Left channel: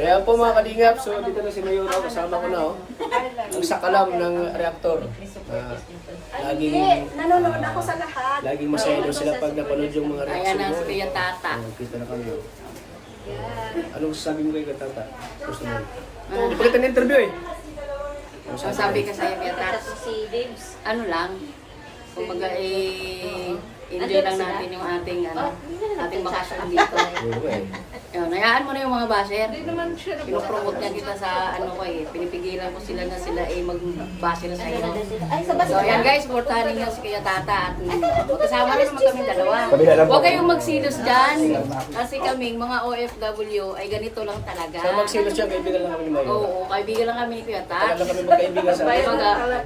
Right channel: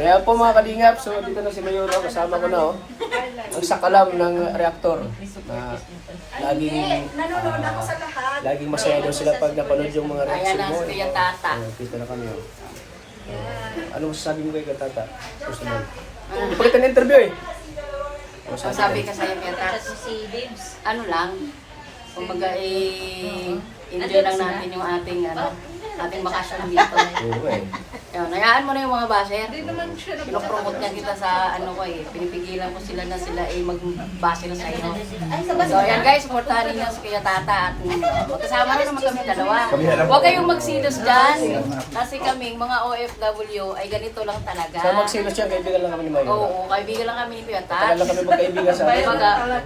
So yan po mga kalingap. So dito na si Mayuro. Kasama ko na ang sakalam ng reaktor. Laging masaya daw sila pag napanood yung mga reaction mo. Ayan ang Tata. Kita na kami. Anong sasabi mo kay Tata? Gusto mo? Ipagkita ng interview eh. Ang sabi ka sa'yo kaya Tata, ano lang, kumbaga hindi lang natin yung ating bakasyon dito. Oo eh. Nayaan mo na yung mga baser. Pinopromote niya kita sa pinipigilan ko sila na sila mag-base na sa'yo. So ayan guys, supportahan niyo si Kuya Tata at magkasama na naman kami dalawa. Huwag kayong magsilos dyan. Kasi kaming mga OFW ay ganito lang talaga. So magsilos yan, kaibigan lang kami ni Mayuro. Oo, kaibigan lang kami ni Kuya Tata. Tagal lang kami magkaibigan sa atin.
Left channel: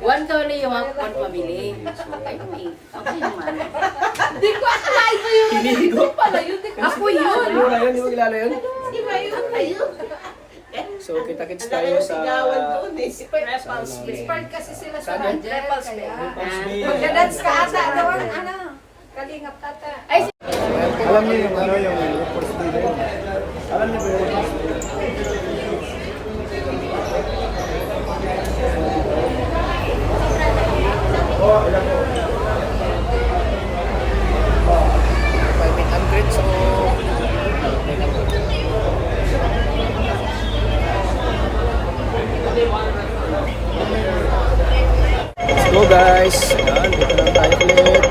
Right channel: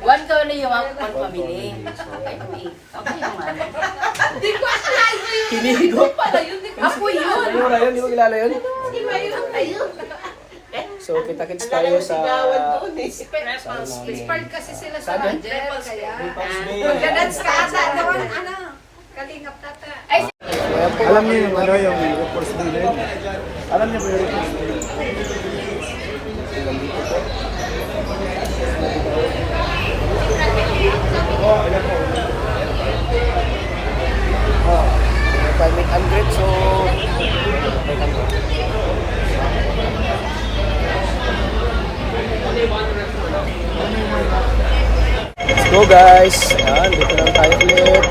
One family yung one family. Ako naman. Hindi ko akalain ko yun. Hinihigo. Ako yun. Mayuro yun, di mo kilala yun? Si Mayroon kayo. So kita-kits tayo sa... Part kasi sila Saan yan? Magdadance ka ata. Kalingap Tata. Ay, So ayan po mga kalingap. Meet and greet, so let's go guys. Ayan, dito lang tayo ulit.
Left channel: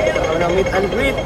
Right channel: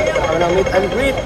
Dito kami ng meet and greet.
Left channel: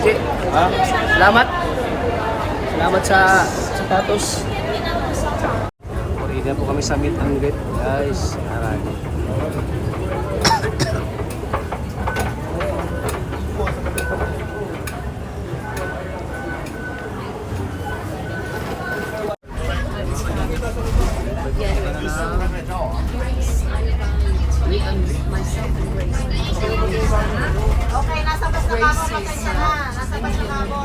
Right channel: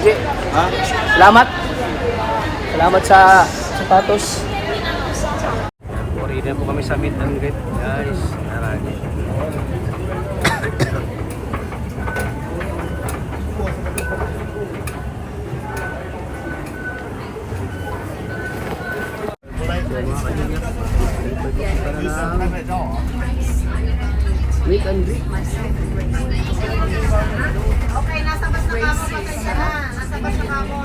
Sige, salamat. Salamat sa sapatos. Ready na po kami sa meet and greet, guys. Meet and greet. okay, nasa bas na kamo mo kayo na. Nasa bas na kamo.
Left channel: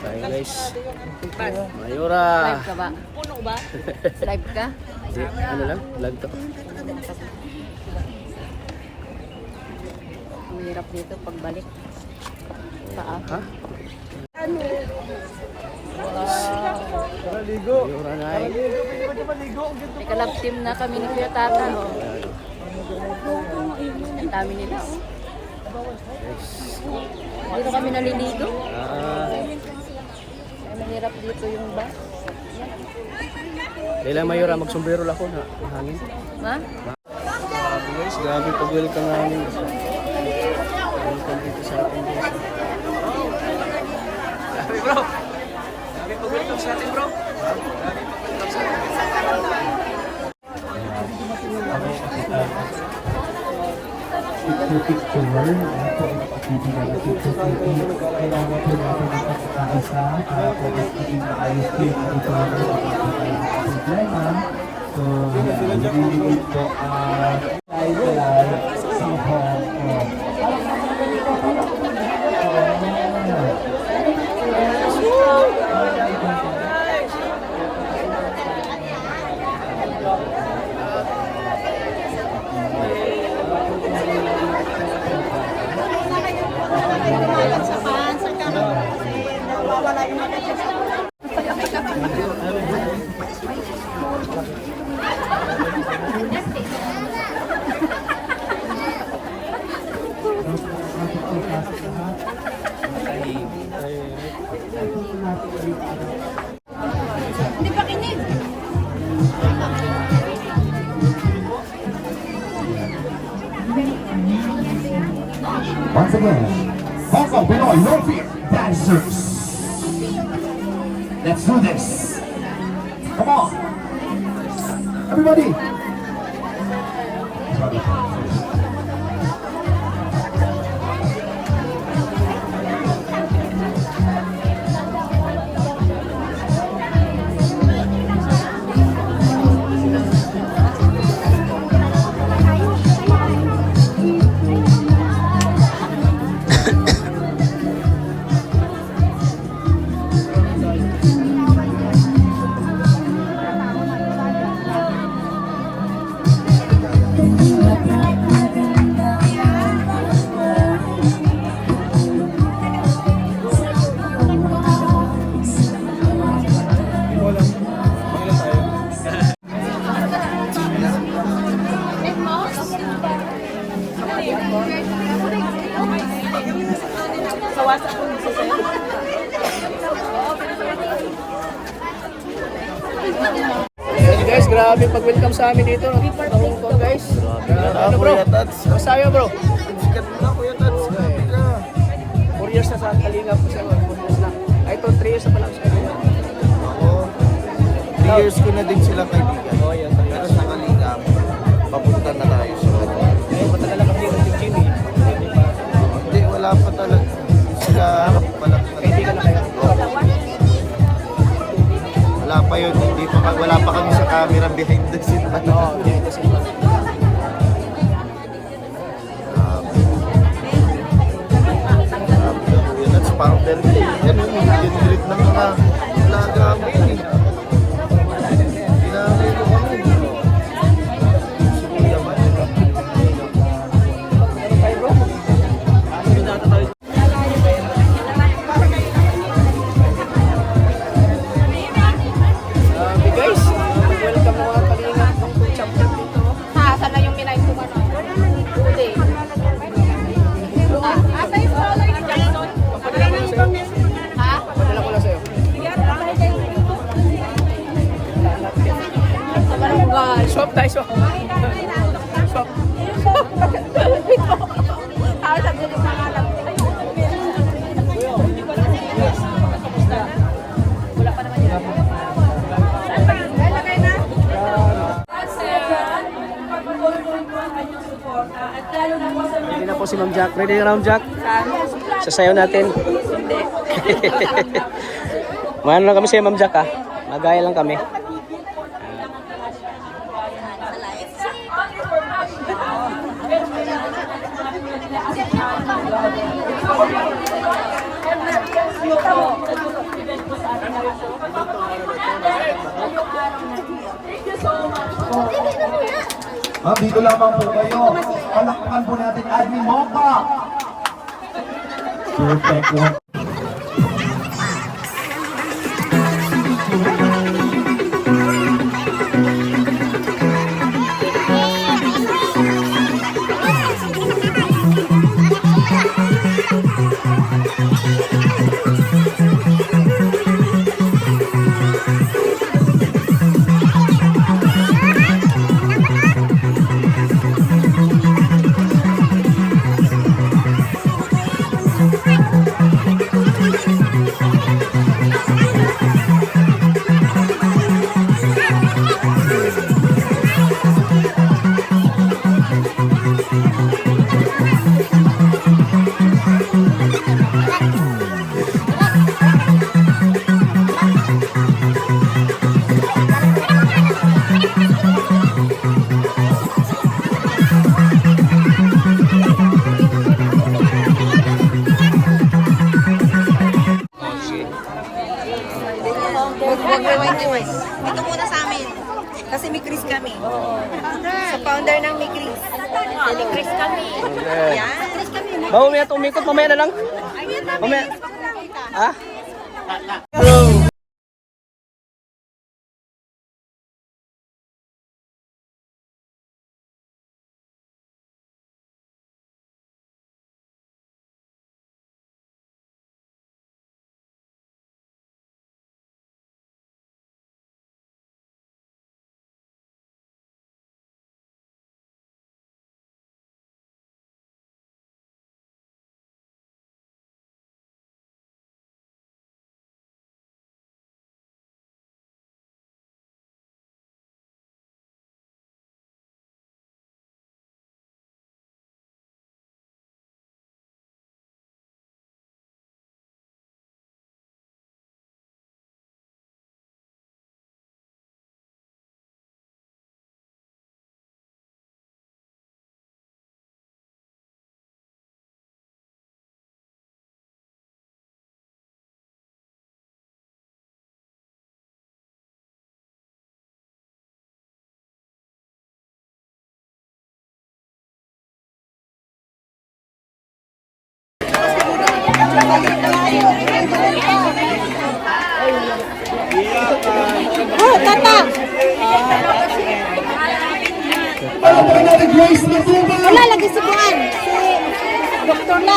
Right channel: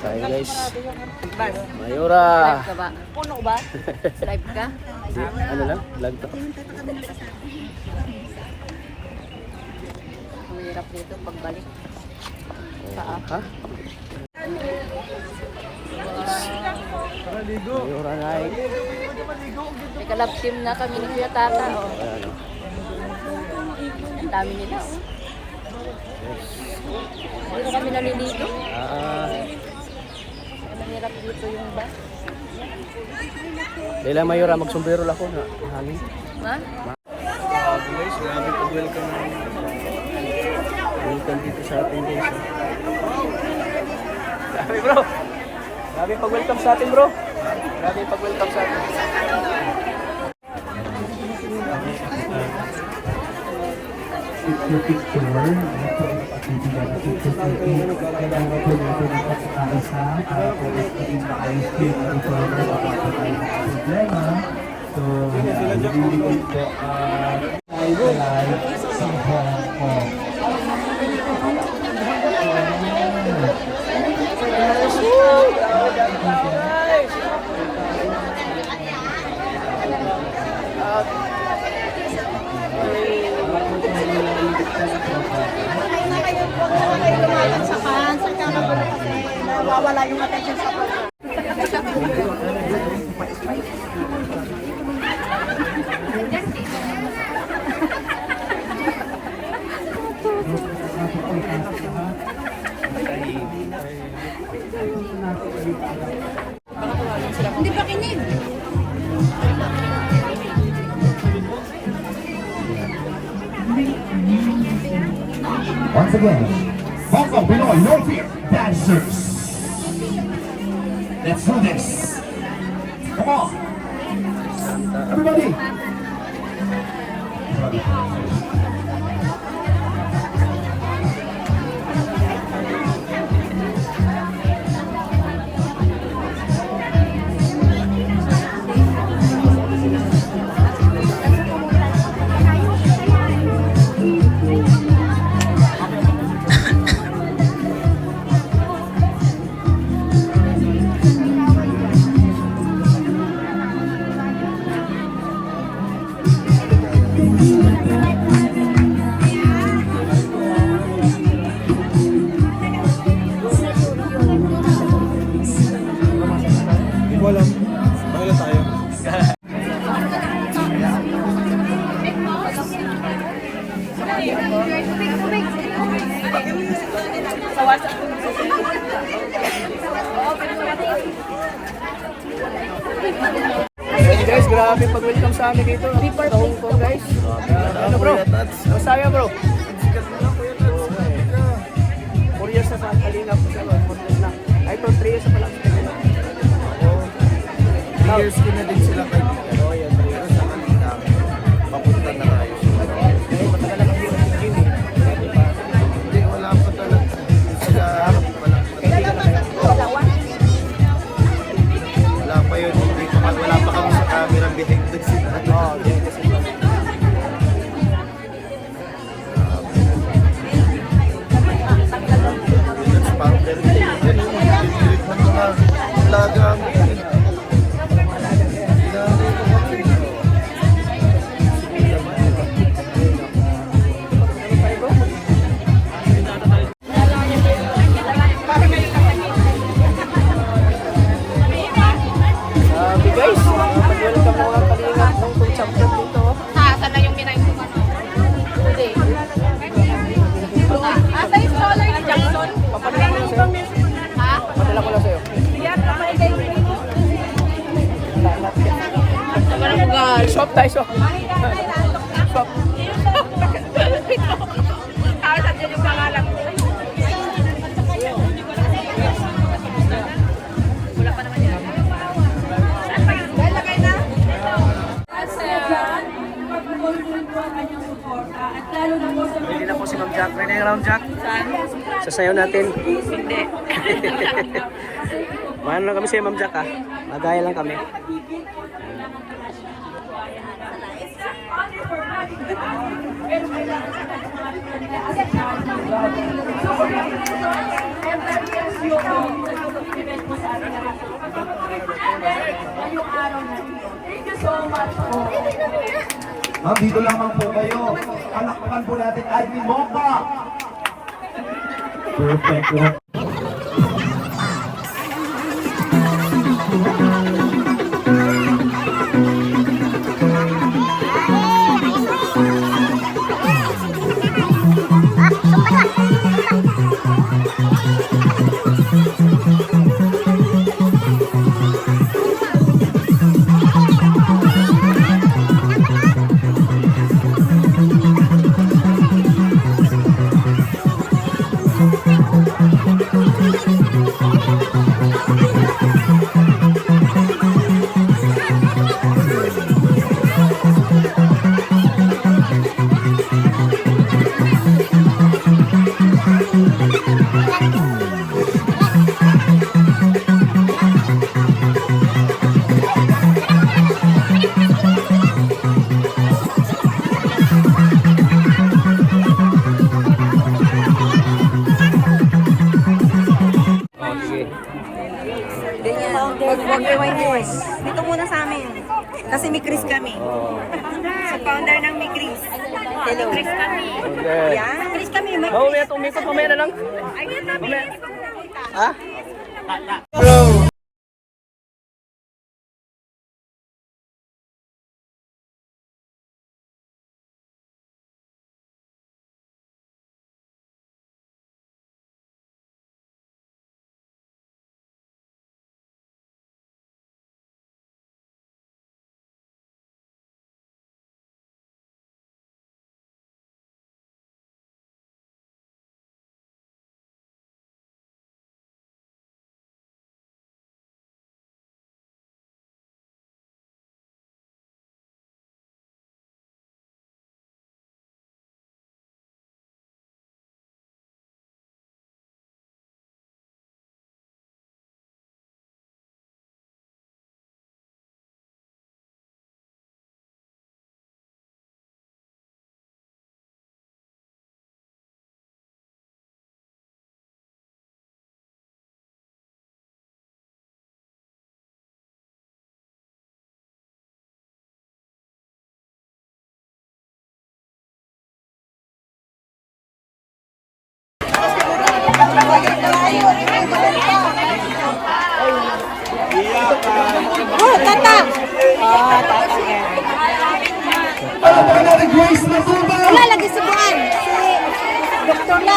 Tayo guys. Mayura. Live ka ba? Live ka? Hindi, ano lang, vlog to. Mahirap dito pagbalik. Ha? Mayura Nike. May kalab team na kami ni Kuya Tata. Oh. Ayan o. Ang dami nila. Oh. Yes. Dito kami naliligo. Ah, Mahirap dito yung ba? Leila Mayora, magsombrero lang ako na hangin. Ha? Grabe guys, grabe pag-welcome namin. Welcome dito sa atin guys. Grabe bro. Grabe pag-welcome sa atin bro. Grabe pag-welcome sa atin. Picture, kailangan po natin ng pagkakaisa para po magiging maayos po yung ito na kapatid tayo ng problema. So, nililingin po kaya si Hong Kong. Hindi pa kinig. Once again, welcome Pinoy Nordic Dancers. Let's do this. Come on. Everybody. Sa WhatsApp ko sa Ayan guys, grabe pag-welcome sa amin dito sa Hong Kong guys. Ano bro? Masaya bro? Oo nga eh. 4 years na sa Kalingap po siya. 4 years na. Ay ito, 3 years na pala sa Kalingap. Ako, years ko na din sila kaibigan. Oo yan, 3 Pero years. sa Kalingap, papunta na tayo sa wala. Eh, matagal na kasi nag-gym eh. Grabe pa. Hindi, wala pa talaga. Sila, malaki na. Kaibigan na kayo. Wala pa yun, hindi pa, wala pa kami sa camera behind the scene. Oo, behind the scene pa. That's parang birthday. Ganun, lilit ng mga laga kami. Ginamit ko kami. Siguro naman. Ano tayo bro? Grabe guys, pag-welcome ng mga Kalingap Hong Kong champion dito. Saan na yung pinay ko? Hindi. Asa yung wala yung Jackson? Wala nang ibang mesa pa na. Ha? Padala ko lang sa'yo. Swap tayo, swap. Swap. Kahit at yun yung pangalan ko. Ready na po si Ma'am Jack. Ready na Ma'am Jack? Sasayaw natin. Hindi. Maano lang kami sa'yo Ma'am Jack ha. Magaya lang kami. Ma'am, dito lamang po kayo. Palakpakan po natin Ivy Mongka. Perfect. order ng may Chris. Chris kami. Okay. Chris kami. Mamaya tumikot, mamaya na lang. Mamaya. Ah? Grace na po ba? Lagi sa buwan.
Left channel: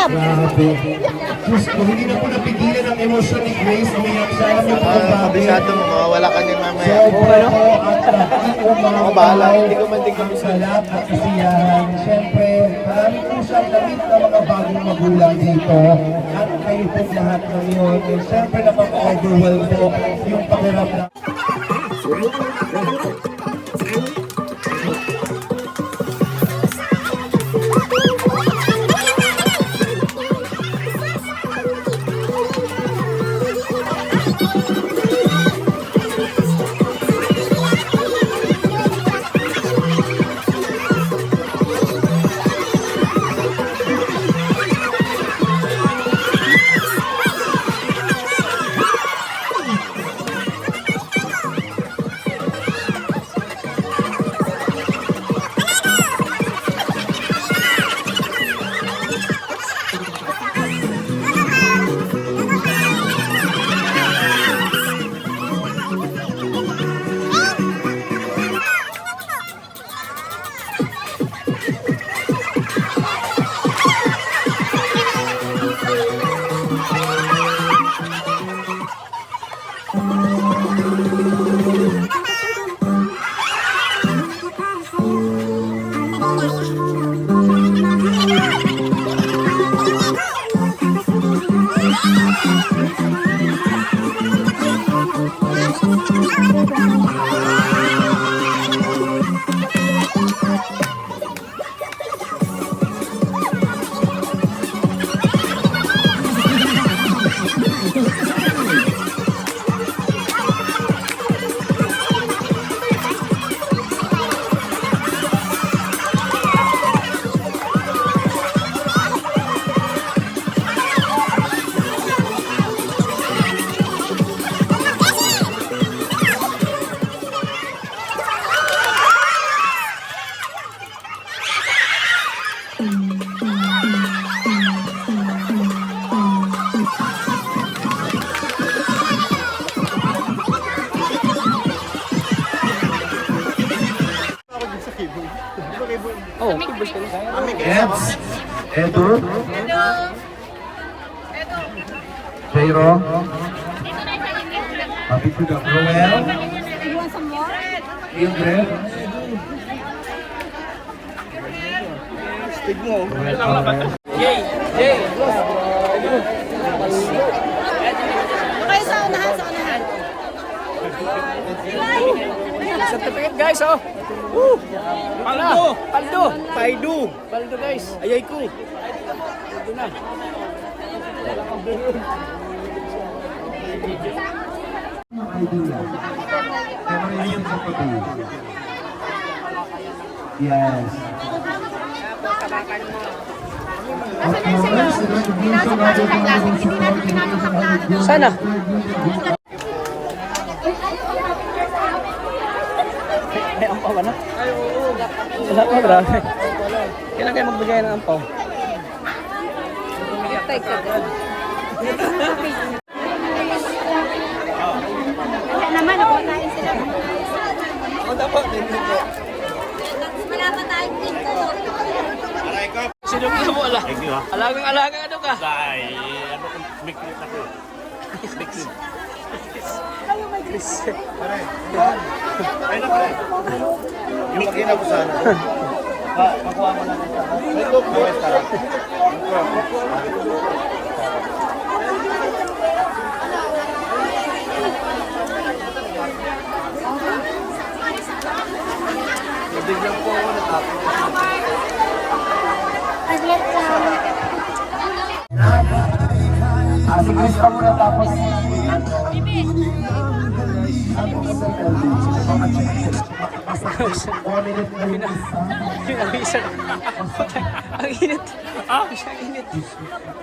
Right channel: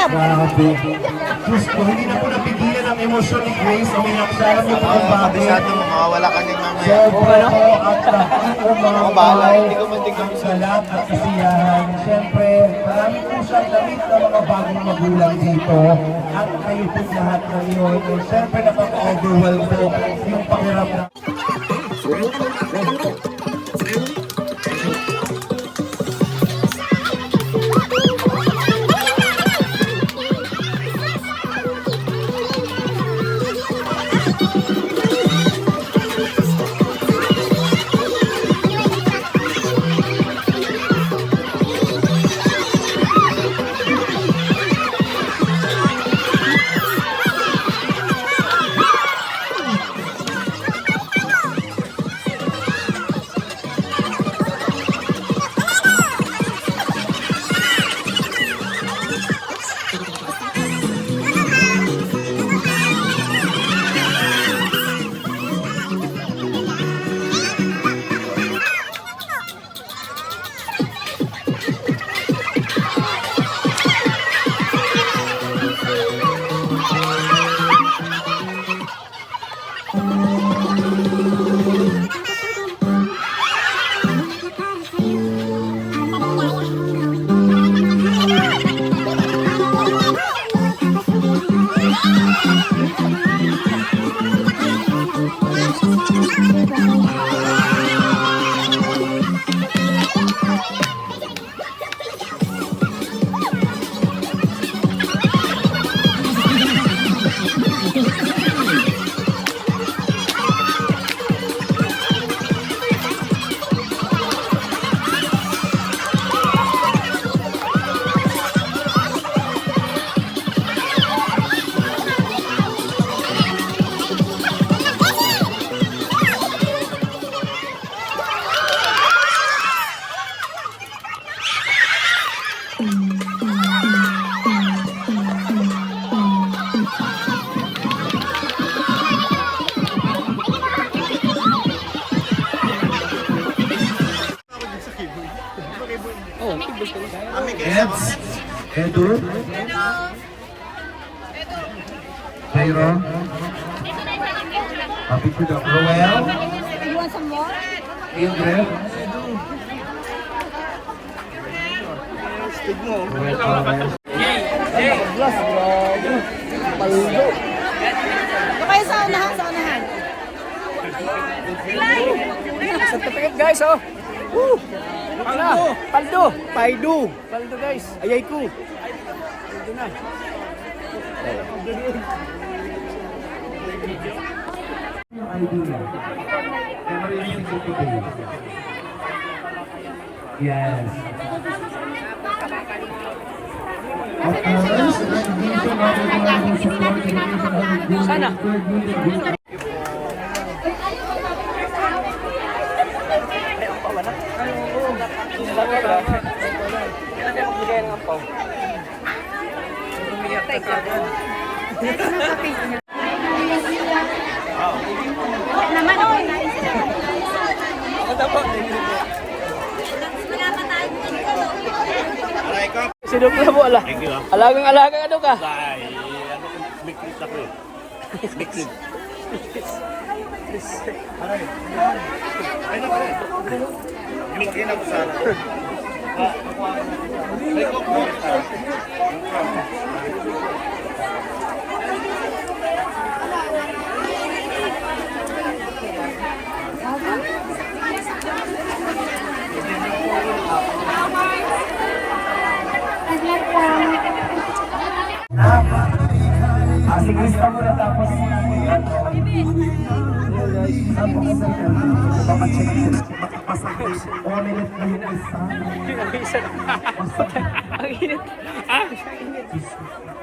Grabe. Diyos ko, hindi na po napigilan ang emosyon ni Grace. Umiyak siya. Alam niyo po ang bagay. Kabisado mo, mawawala ka niyan mamaya. Sobra po at nakikumangkaw ang salat at kasiyahan. Siyempre, marami po siyang damit na mga bagong magulang dito. At kayo po lahat ngayon. And siyempre, napaka-overwhelm po yung pakiramdam. Oh, kibol ka lang. Yes. Edo. Jairo. Happy to the Roel. Ingrid. Roel Alvarez. Okay, sa unahan, sa unahan. Certificate guys, oh. Woo! Paldo! Paldo! Paldo! Paldo guys. Ayay ko. Paldo na. Idea. Memory is equal to be. Yes. Of course, the recognition of the global support Sana. Grabe. Kailan kayo magbigay ng po? Naman ako hindi sila. Ako dapat, hindi po. Sinok na mo, ala. Alagang ano ka? Mikrit ako. Yung mag-ina ko sana. Ito po. Si Chris pa muna tapos. Pinawisan. Ang init. Ang init.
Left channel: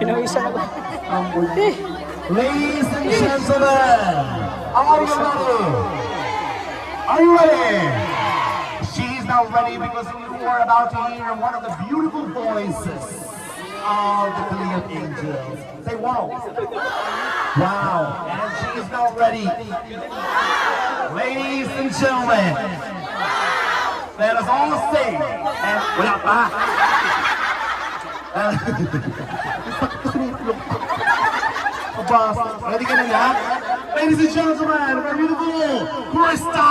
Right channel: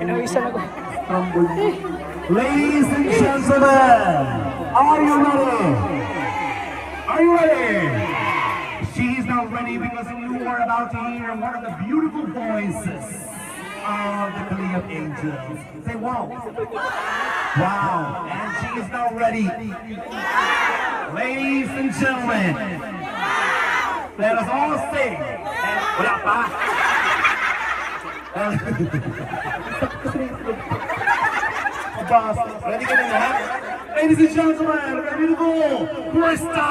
Pinawisan ako. Ladies and gentlemen, are you ready? Are you ready? She's now ready because you are about to hear one of the beautiful voices of the Pleiad Angels. Say wow. Wow. And she is now ready. Ladies and gentlemen, let us all sing. Wala pa. Boss, ready ka na lahat? Ladies and gentlemen, the beautiful Krista!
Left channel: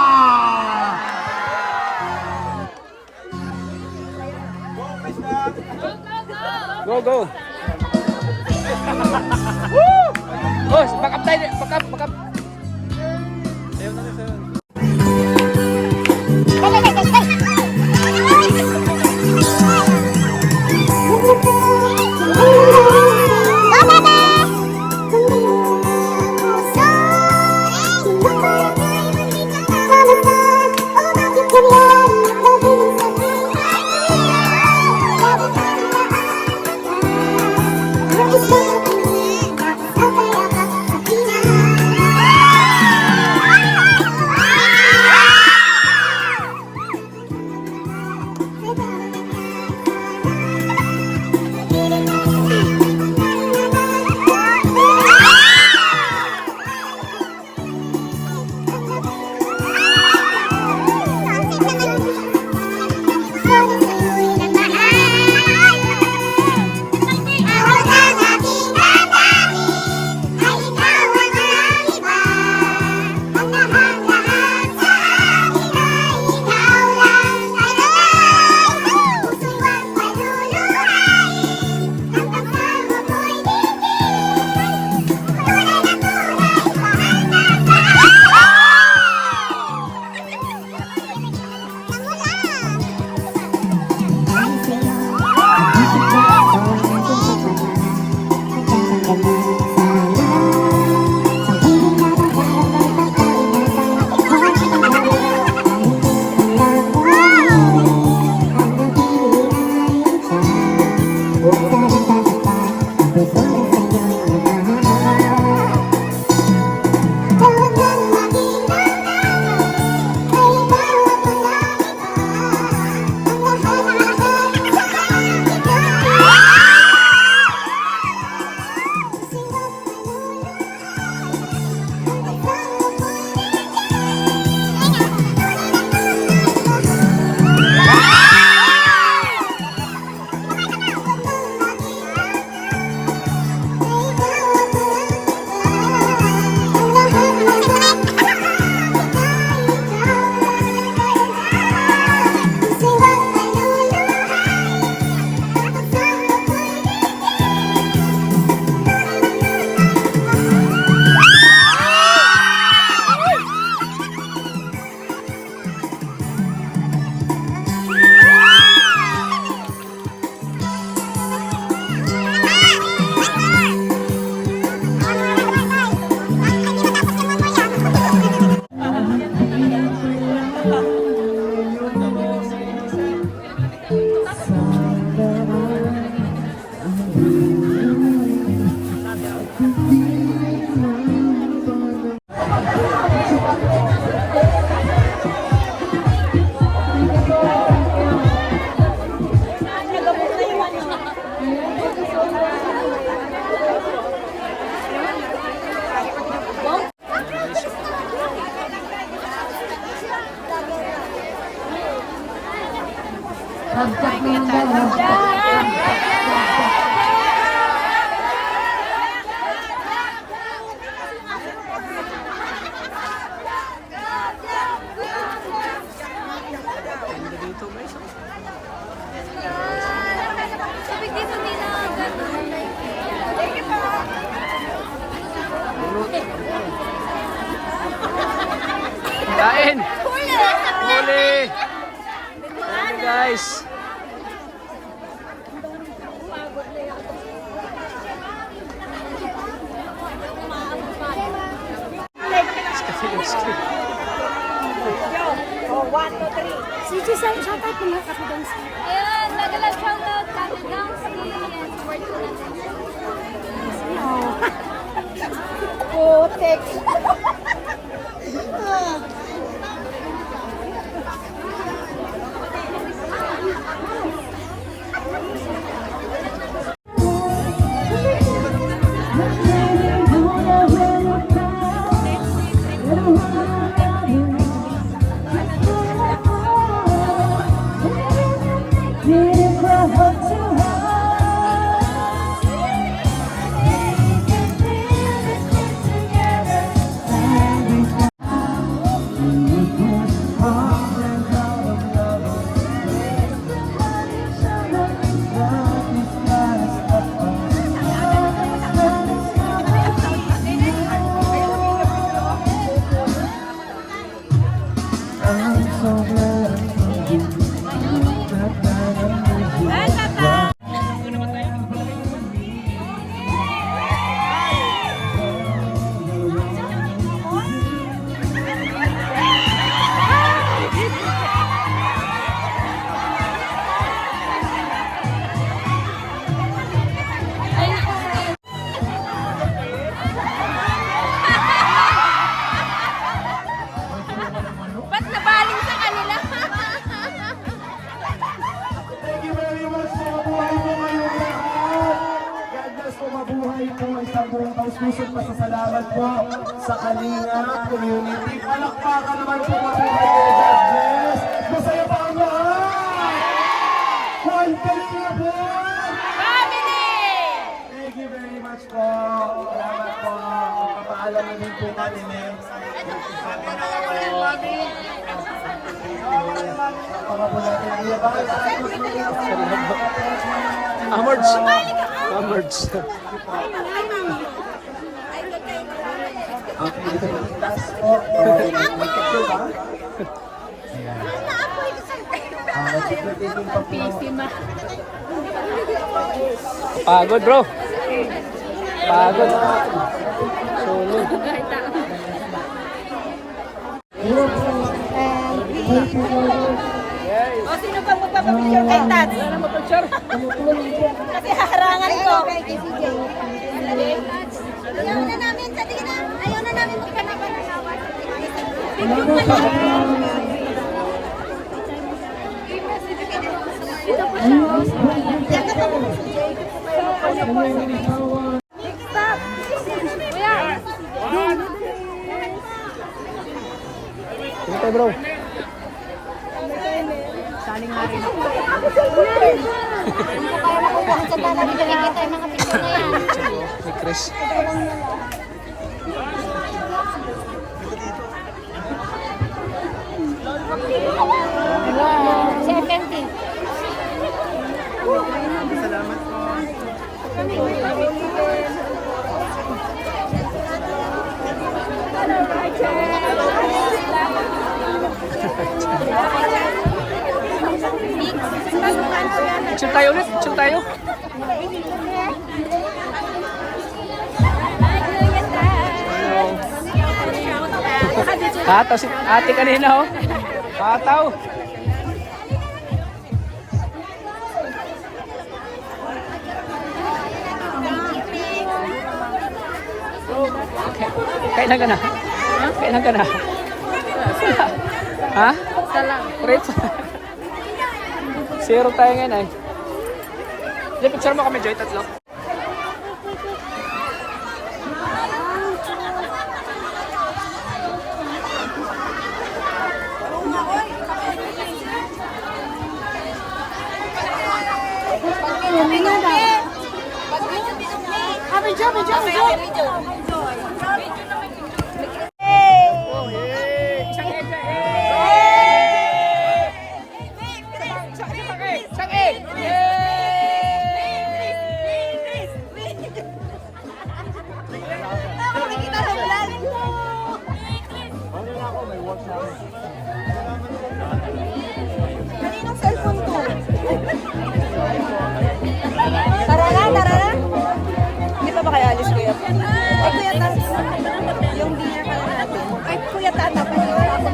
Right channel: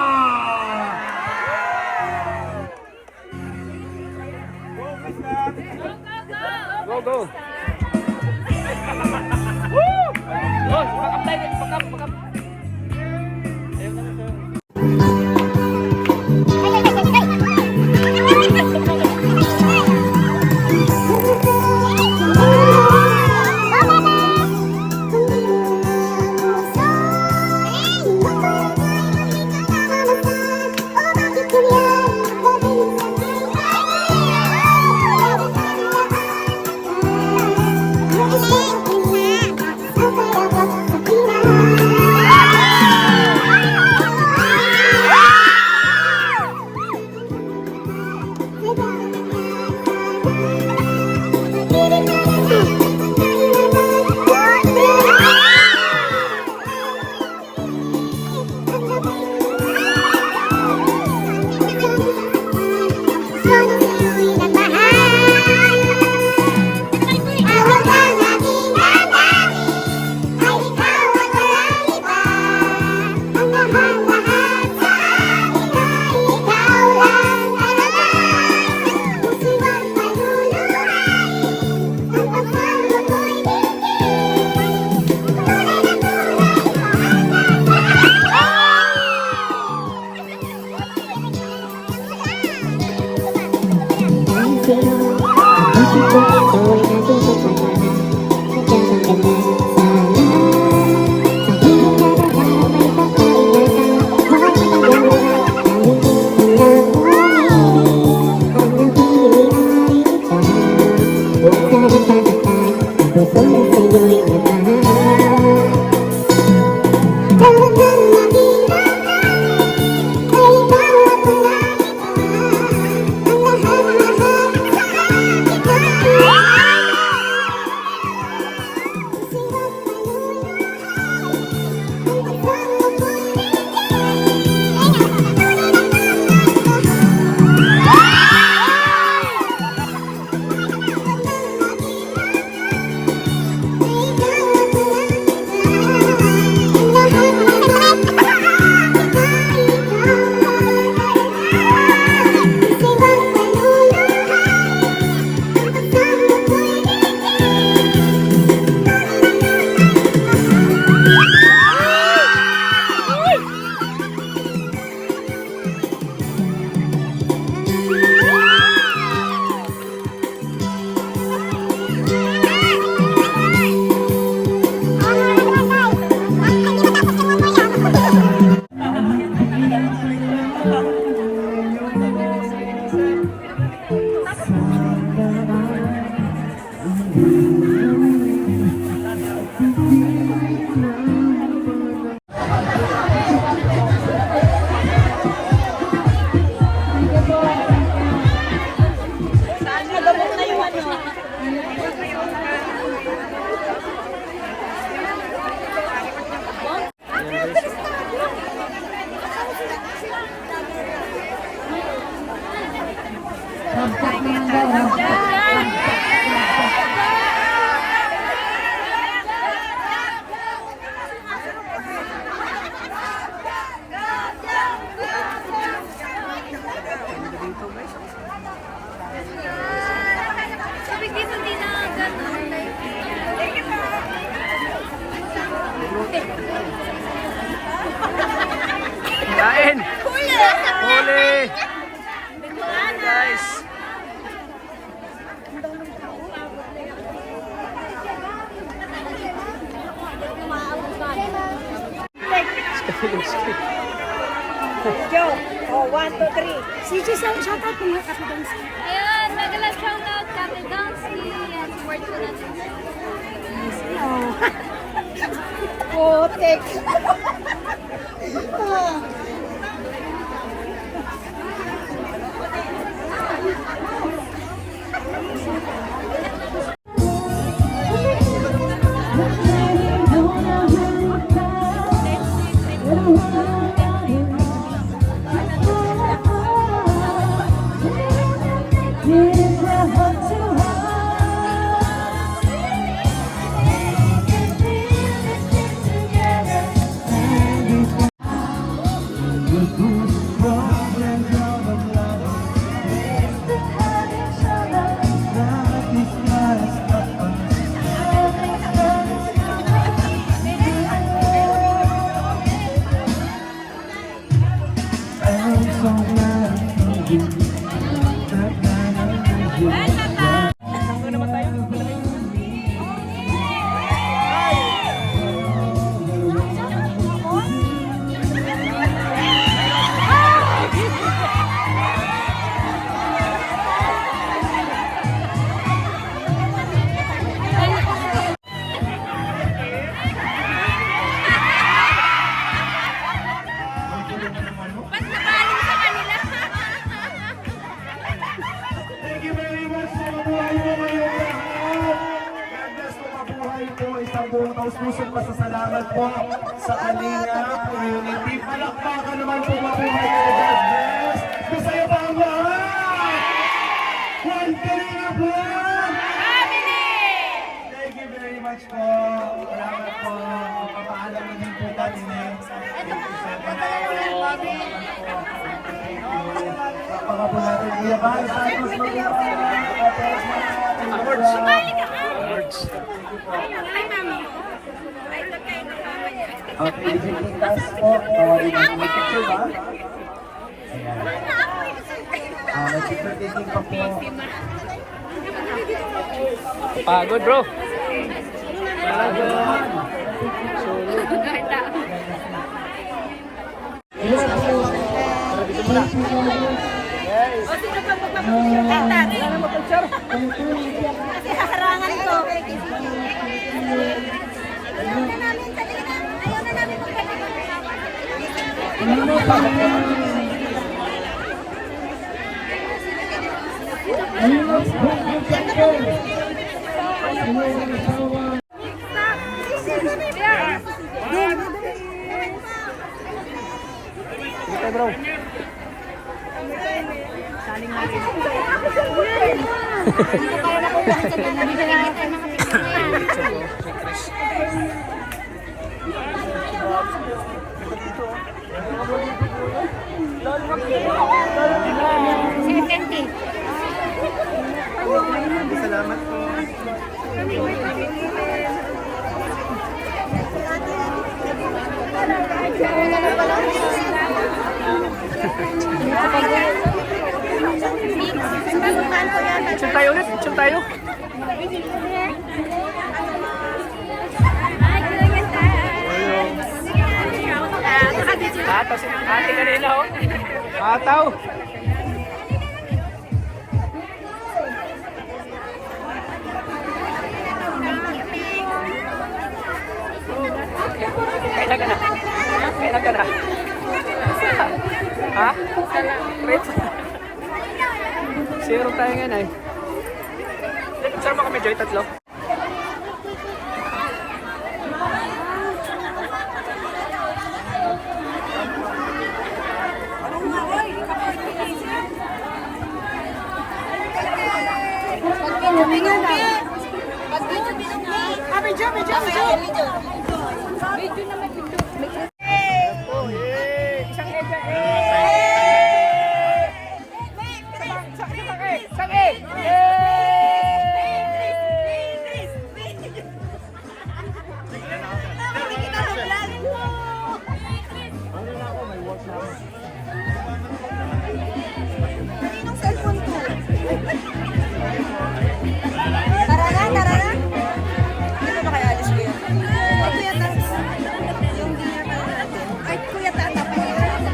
Go, go. Woo! Oh, back up tayo. Back up. Thank you. Rampak naman daw. Rampak. Ganda dito guys. Sabi dito ginagan. Kain! Huli! Huli! Guys! Ayan, nagalag shoutout Kapil Dance. Ayan, support ko natin. Putik. Ba't nabaling sa kanila? Thank you very much sa mabuhay mo ngayong lahat. God bless po, mabuhay po. Isang buong taus-pusong pasasalamat po sa Kalingap community. Palakpakan naman po, mabuhay po. God bless. Masaya pa ang lahat. One Kalingap po. Thank you very much po. Salamat po. Papaalam na din po kami. Thank you so much po. Baka po natin iyan. Amards! Amards! Ay, mama mo. Ay, lagay ng mama niya. Okay, last po. Nag-taking pa po. Pagod bro! Pagod! Solid! Guys! O, sino bang magpapapicture ka, Tat? Wala na mag-picture! Kasi harangan ko. Ayaw na namin, sabi ka na. Ayaw na namin magpapapagawa. Ito bro! Kaya makukuha sa dala ni May Chris. Salamat po. Picture tayo ulit! Picture tayo! Hello! Hataw si ate kanina oh! Hataw! Kailan ka na? Kailan ka na? Ha? Rich? Zero tayo ngayon ay. Picture mo kami Joy, tatlo. Oh, yay! Isang egg na Isang egg! Yay! Ano na ako? May work na ako.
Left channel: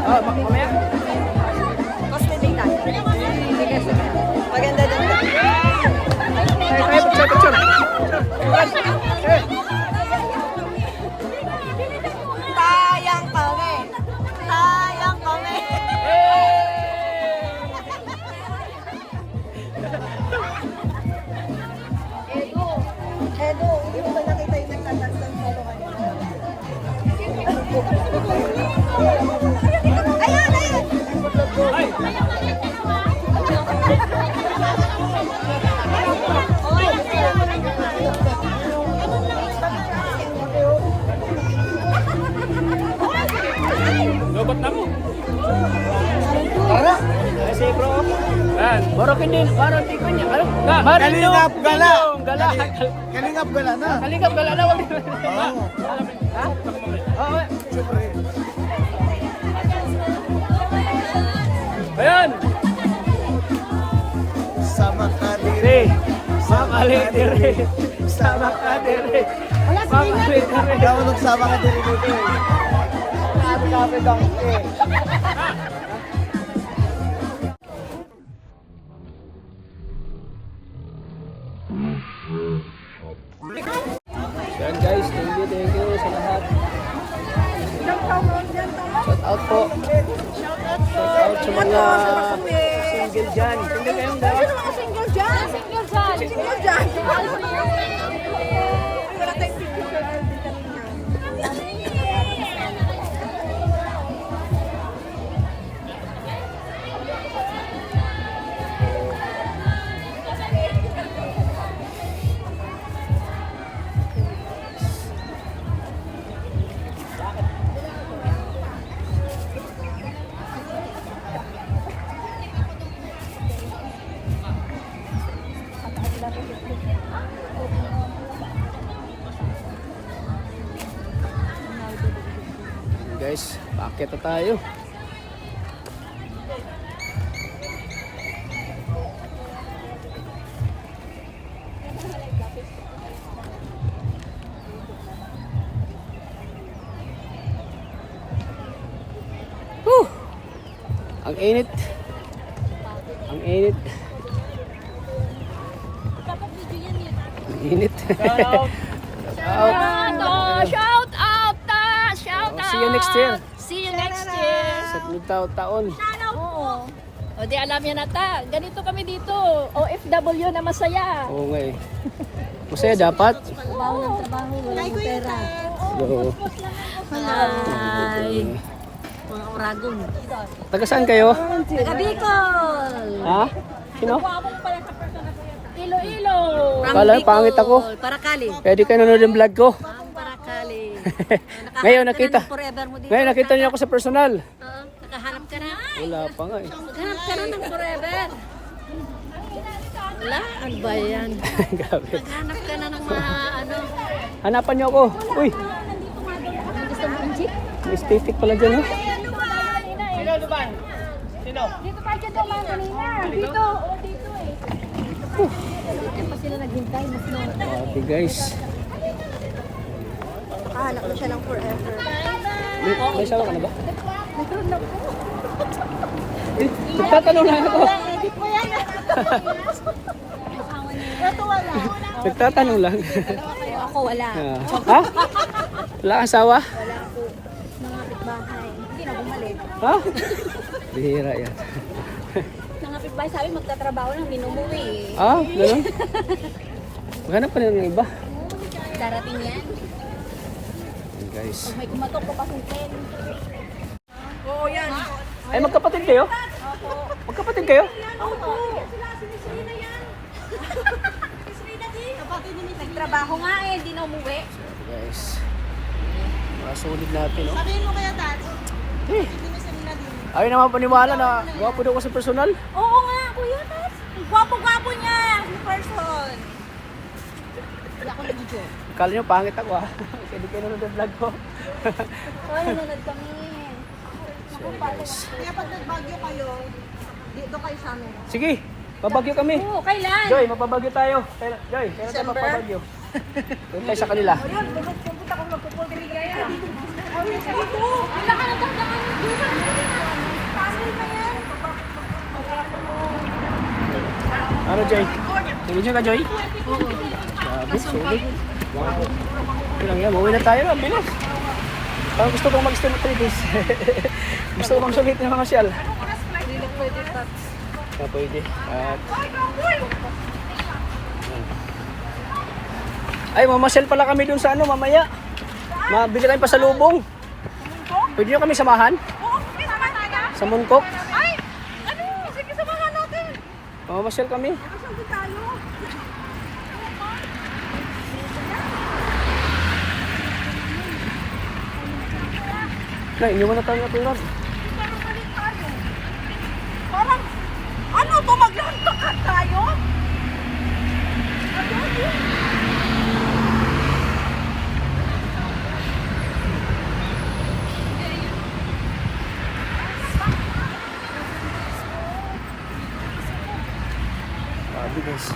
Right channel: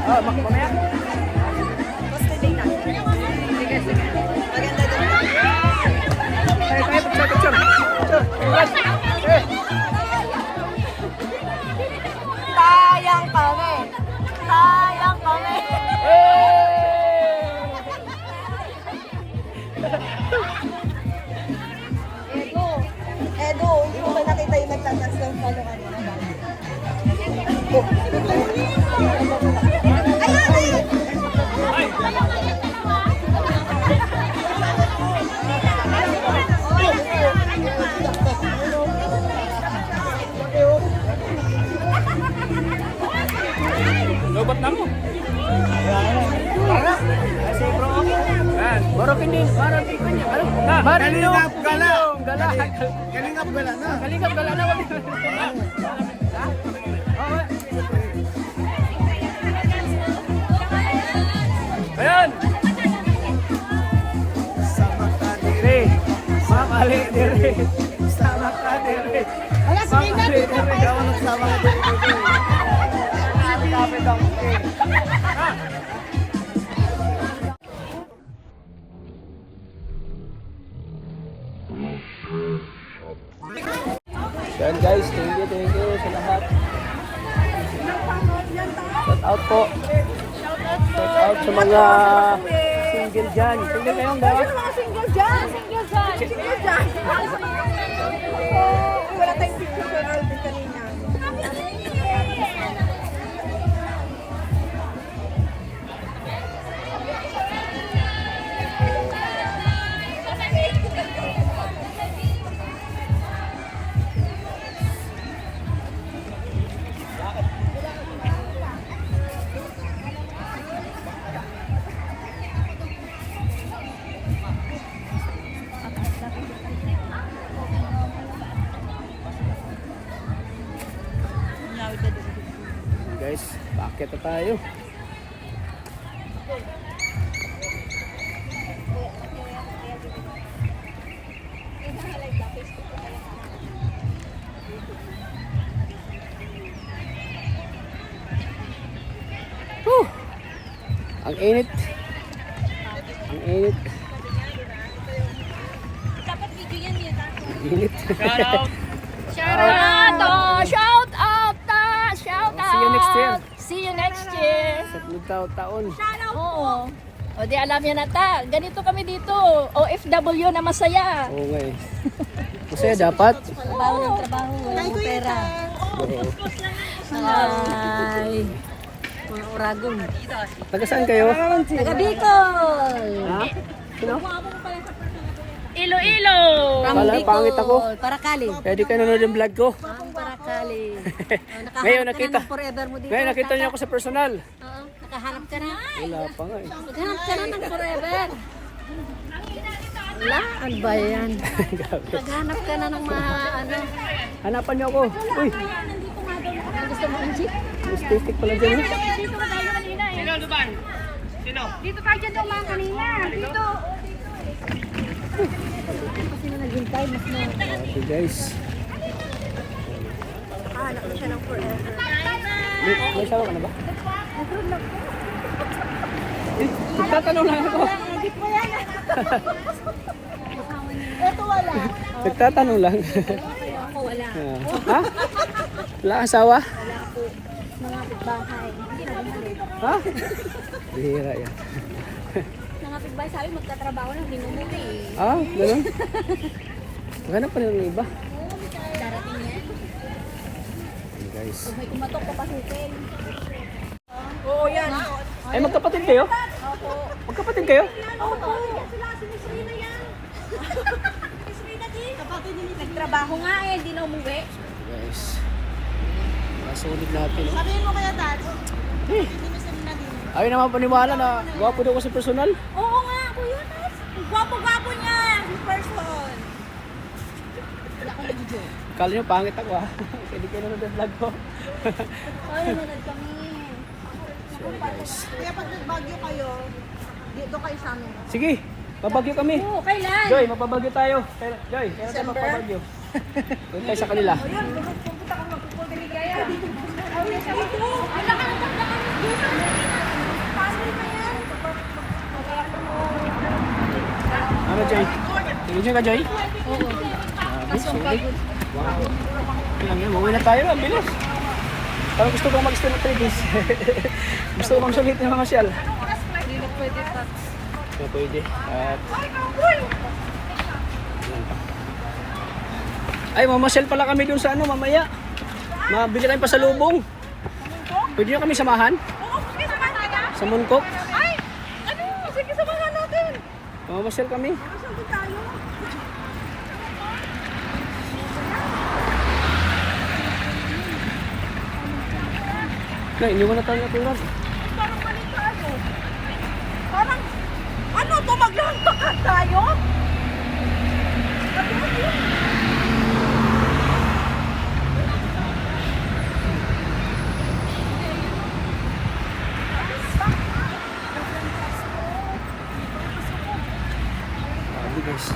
Ah, mamaya. Tayo, picture. Eh. Tayang kami! Tayang kami! Edo, hindi ko nakita yung matlangas ng photo kanina. Kasi bro, Baro hindi ko niya. Ano? Marinong gala. Kalingap gala na. Kalingap gala na. Wag. Ha? Oo. Ayan. Sama ka din. Re. Ma'am Ali dire. Sama ka dire. Ma'am Ali dire. Ikaw nagsama ka din dito. Yan guys, thank you sa lahat. Shout out po. Shout out sa mga single dyan. Single kayong ba? Mga single dyan! Single dyan! Single dyan! Wala tayong picture din kanina. Guys, packet na tayo. Whew! Ang init. Ang init. Dapat video yan yun. Ang init. Shout out! Shout out! Shout out! See you next year. See you next year! Sa taon. Oo. O di alam yan ata. Ganito kami dito. OFW na masaya. Oo nga eh. Masaya dapat. Trabaho ng trabaho. Walang pera. Eh, Malay. Mga Oragon. taga saan kayo? Taga Bicol. Ha? Sino? Iloilo. Kala pangit ako. Parakali. Kaya di kayo nanonood yung vlog ko. Ang Parakali. Ngayon nakita. Forever mo dito. Ngayon nakita niyo ako sa personal. Oo. Nakahanap ka na. Wala pa nga eh. Nakahanap ka na ng forever. Wala? Ano ba yan? Grabe. Naghanap ka na ng mga ano. Hanapan niyo ako. Uy, Gusto mo ang jeep? may static pala dyan eh. Dito tayo dyan mga kanina. Dito. Dito pa sila naghintay. Mas na. Grabe guys. Nakahanap na siya ng forever. May sawa ka na ba? Eh, nagtatanong lang ako. Hindi po yan. Ito wala. Nagtatanong lang. Ako wala. Ha? Wala kang asawa? Wala po. Mga kapitbahay. Hindi na bumalik. Ha? Bihira yan. Mga kapitbahay sabi magtatrabaho lang. Minumuwi. Ah, ganun? Maghanap pa rin ng iba. Darating yan. Hey guys. Pag may kumatok, papasukin. Oo, yan. Ay, magkapatid kayo? Magkapatid kayo? Oo. natin yung nagtrabaho nga eh, hindi na umuwi. Guys. Masulit natin, no? Sabihin mo kaya, Dad. Eh, Hindi mo sabi natin. ayaw naman paniwala na gwapo daw ko sa personal. Oo nga, kuya, Dad. Ang gwapo-gwapo niya, in person. Hindi ako nag-joke. Kala nyo, pangit ako ha. Hindi kayo nanonood ng vlog ko. Oo, nanonood kami. Naku, paano? Kaya pag nagbagyo kayo, dito kayo sa amin. Sige, mabagyo kami. Oo, kailan? Joy, mapabagyo tayo. Joy, kailan tayo mapabagyo? Doon tayo sa kanila. Ayun, pupunta akong magpupul kami kaya. Dito. Ang laki ng tanda kami. Ano, Joy? Tingin nyo ka, Joy? Oo. Grabe, sulit. Tingnan nyo, mauwi na tayo. Ang bilis. Parang gusto kong mag-street days. Gusto kong sulit ng mga shell. Hindi na pwede, Tats. Pwede. At... Ay, mamasyal pala kami dun sa ano, mamaya. Mabili tayong pasalubong. Pwede nyo kami samahan? Oo, sama tayo. Sa Mungkok? Ay! Ano? Sige, samahan natin. Mamasyal kami. Masyal din tayo. Na, iniwan na tayo na tulan. Parang, ano to, maglampakan tayo? Grabe guys.